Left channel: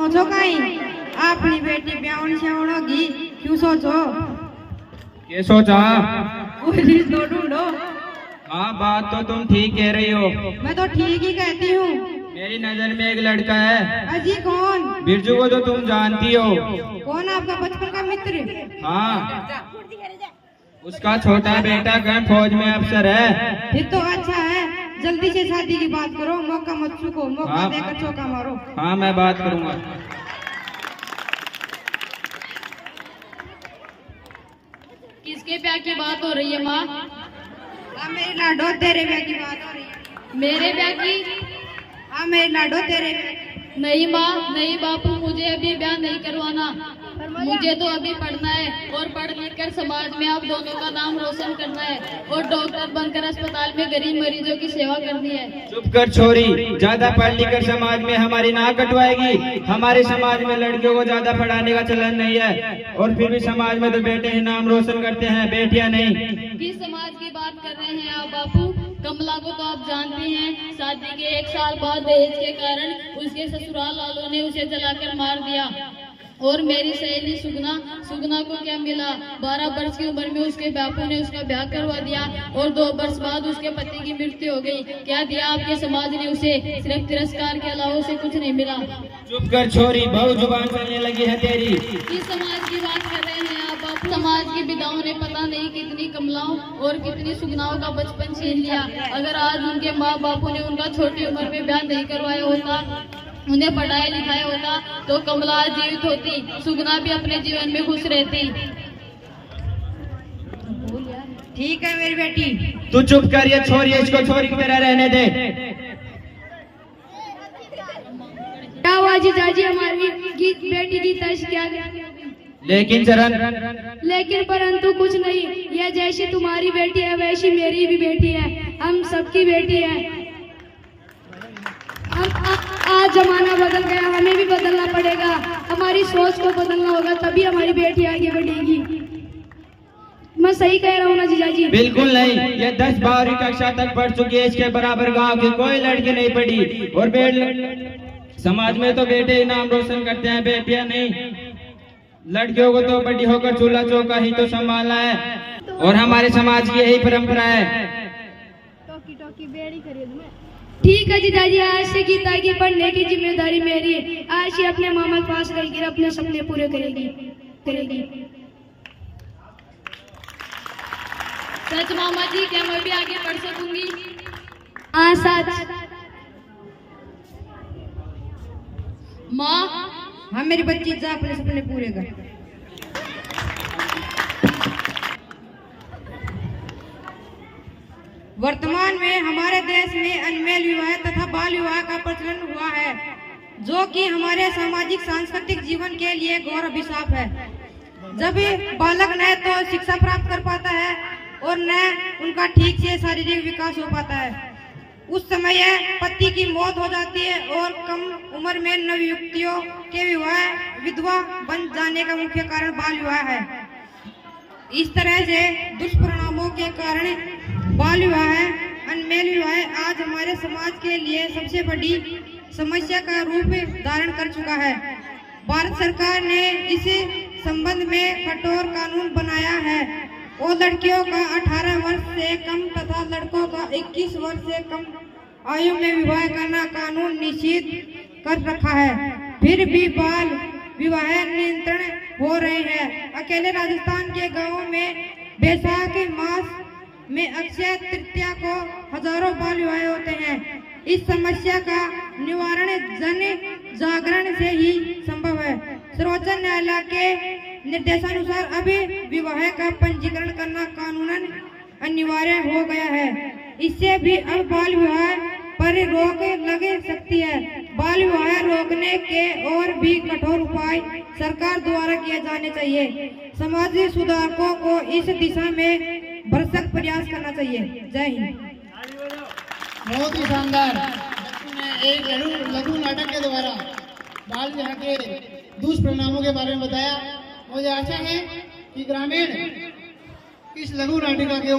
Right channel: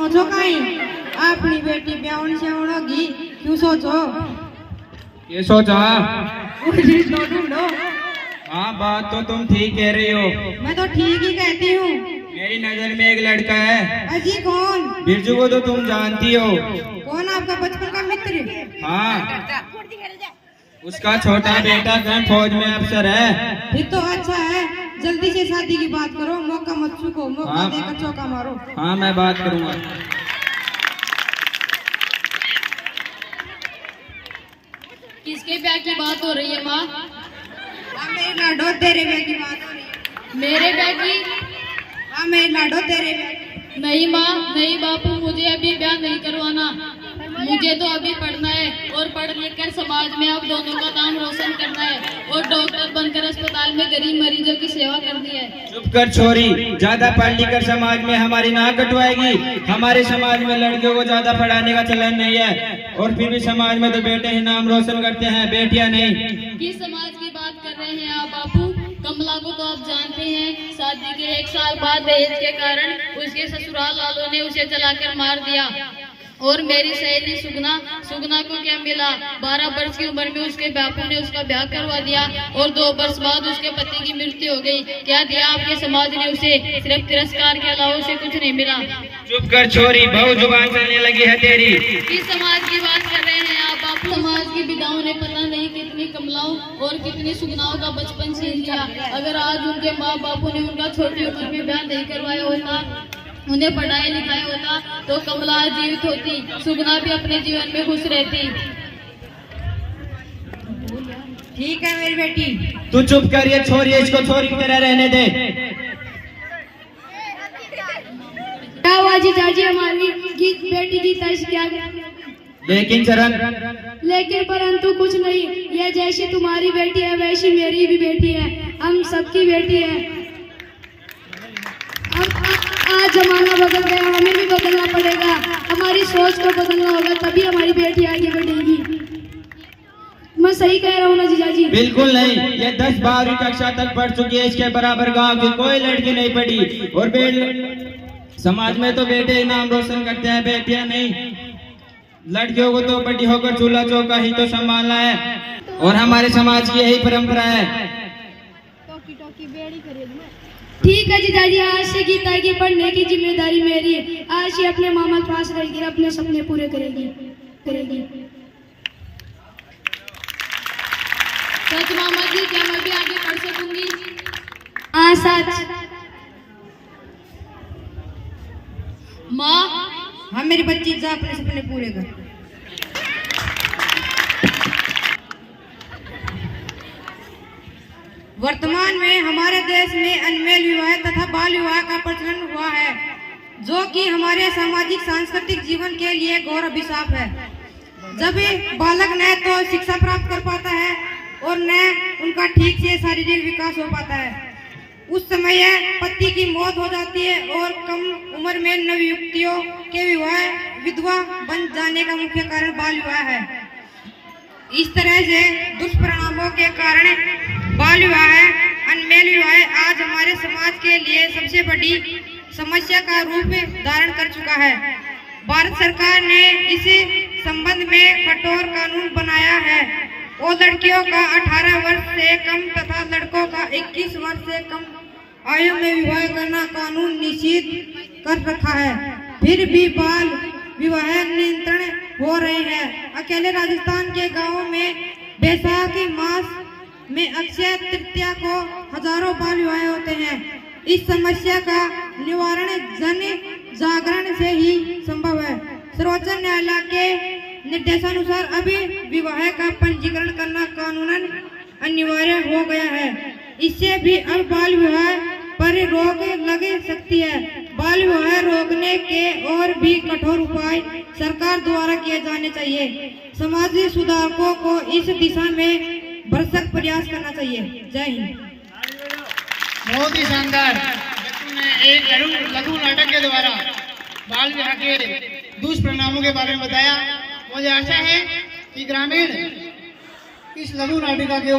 सोचो कहीं अपनी बेटी ब्याहनी से होगी क्यों सोचो? ये सोचा? तो ढूंढो। हाँ, बात तो तुम ठीक कह रही हो। मैं तो ठीक ही कहती हूँ। मेरी नजर में एक लड़का है। अजी कौन? बिरजू को तो तुम जानती हो। कौन आपका बचपन का मित्र? हाँ, उसका छोटा बेटा कहीं फौज में अफसर है। फिर तो अच्छा है, जल्दी से शादी की बात करो, मौका मत चूको, मौका हाँ। देकर चौका मारो। हाँ, मैं बात करूँगा। किसके ब्याह की बात हो रही है माँ? हाँ मेरी लाडो तेरे ब्याह की बात हो रही है। मेरे ब्याह की? हाँ मेरी लाडो तेरे ब्याह। नहीं माँ, नहीं बापू, मुझे अभी ब्याह नहीं करवाना। मुझे तो अभी पढ़ना है और पढ़ लिख कर समाज में आप दोनों का नाम रोशन करना है और डॉक्टर बनकर अस्पताल में गरीब मरीजों की सेवा करनी है। चुप कर छोरी, ज्यादा पढ़ लिख कर समाज में हमारी नाक कटवाएगी। हमारे समाज में लड़कियों को ज्यादा पढ़ाने का चलन नहीं है और फिर भी समाज में तो बेटे ही नाम रोशन करते हैं, बेटियां नहीं। किस समाज की बात कर रहे हैं आप बापू? कमला को तो आप जानते हैं, शादी के 1 साल बाद दहेज के कारण उसके ससुराल वालों ने उसे जलाकर मार दिया। और मेरी सहेली सुगना को क्या मिला? 12 वर्ष की उम्र में उसके बापू ने उसका ब्याह करवा दिया और 2 वर्ष बाद उसके पति की मृत्यु हो गई। क्या दिया आपके समाज ने उसे? सिर्फ तिरस्कार के अलावा उसे कुछ नहीं मिला। चुप कर छोरी, बहुत जुबान चलने लगी है तेरी। किस समाज की बात कर रहे हैं आप बापू? समाज की विधाओं ने पता नहीं कितनी कमलाओं और कितनी सुगनाओं का बचपन छीन लिया। अगर आज उनके माँ बापू ने उनका छोटी उम्र में ब्याह नहीं करवाया होता, उन्हें पढ़ाया लिखाया होता, तो कमला जीवित होती, सुगना भी अपने जीवन में खुश रहती। ठीक है मेरी बेटी। तू चुप कर, ये छोरी, इसको छोरी की तरह रहने दे। क्या हुआ जीजाजी, हमारी बेटी की तैश क्या? लेकिन चरण, लेकिन परंतु कुछ नहीं, यह जैसी तुम्हारी बेटी है वैसी मेरी भी बेटी है, हम सबकी बेटी है। आज जमाना बदल गया, हमें भी बदलना पड़ेगा, हमारी सोच को बदलना होगा, तभी हमारी बेटी आगे बढ़ेगी। मैं सही कह रहा हूँ ना जीजाजी? बिल्कुल नहीं, ये 10-12वीं कक्षा तक पढ़ चुकी है, इसके बराबर गांव की कोई लड़की नहीं पढ़ी। और समाज में तो बेटे ही नाम रोशन करते हैं, बेटियां नहीं। लड़कियों को तो बड़ी होकर चूल्हा चौका ही तो संभालना है और हमारे समाज की यही परंपरा है। ठीक है जीजाजी, आज से गीता की पढ़ने की जिम्मेदारी मेरी है। आज ही अपने मामा के पास रहकर अपने सपने पूरे करेगी। सच मामा जी, क्या मैं भी आगे पढ़ सकूंगी? हाँ सच माँ। हाँ मेरी बच्ची, जा अपने सपने पूरे कर। वर्तमान में हमारे देश में अनमेल विवाह तथा बाल विवाह का प्रचलन हुआ है, जो कि हमारे सामाजिक सांस्कृतिक जीवन के लिए घोर अभिशाप है। जब बालक न तो शिक्षा प्राप्त कर पाता है और न उनका ठीक से शारीरिक विकास हो पाता है, उस समय पति की मौत हो जाती है और कम उम्र में नवयुवतियों के विधवा बन जाने का मुख्य कारण बाल विवाह है। इस तरह से दुष्परिणामों के कारण बाल विवाह, अनमेल विवाह आज हमारे समाज के लिए सबसे बड़ी समस्या का रूप धारण कर चुका है। भारत सरकार ने इस संबंध में कठोर कानून बनाया है और लड़कियों का 18 वर्ष से कम तथा लड़कों का 21 वर्ष से कम आयु में विवाह करना कानून निषिद्ध कर रखा है। फिर भी बाल विवाह नियंत्रण हो रहे हैं। अकेले राजस्थान के गांवों में बैसाख मास में अक्षय तृतीया को हजारों बाल विवाह होते हैं। इस समस्या का निवारण जन जागरण से ही संभव है। सर्वोच्च न्यायालय के निर्देशानुसार अभी विवाह का पंजीकरण करना कानूनन अनिवार्य हो गया है। इससे भी अब बाल विवाह पर रोक लग सकती है। बाल विवाह रोकने के और भी कठोर उपाय सरकार द्वारा किए जाने चाहिए। समाजी सुधारकों को इस दिशा में भरसक प्रयास करना चाहिए। जय हिंद। बहुत ही शानदार एक लघु नाटक के द्वारा बाल विवाह के दुष्परिणामों के बारे में बताया। मुझे आशा है कि ग्रामीण इस लघु नाटिका के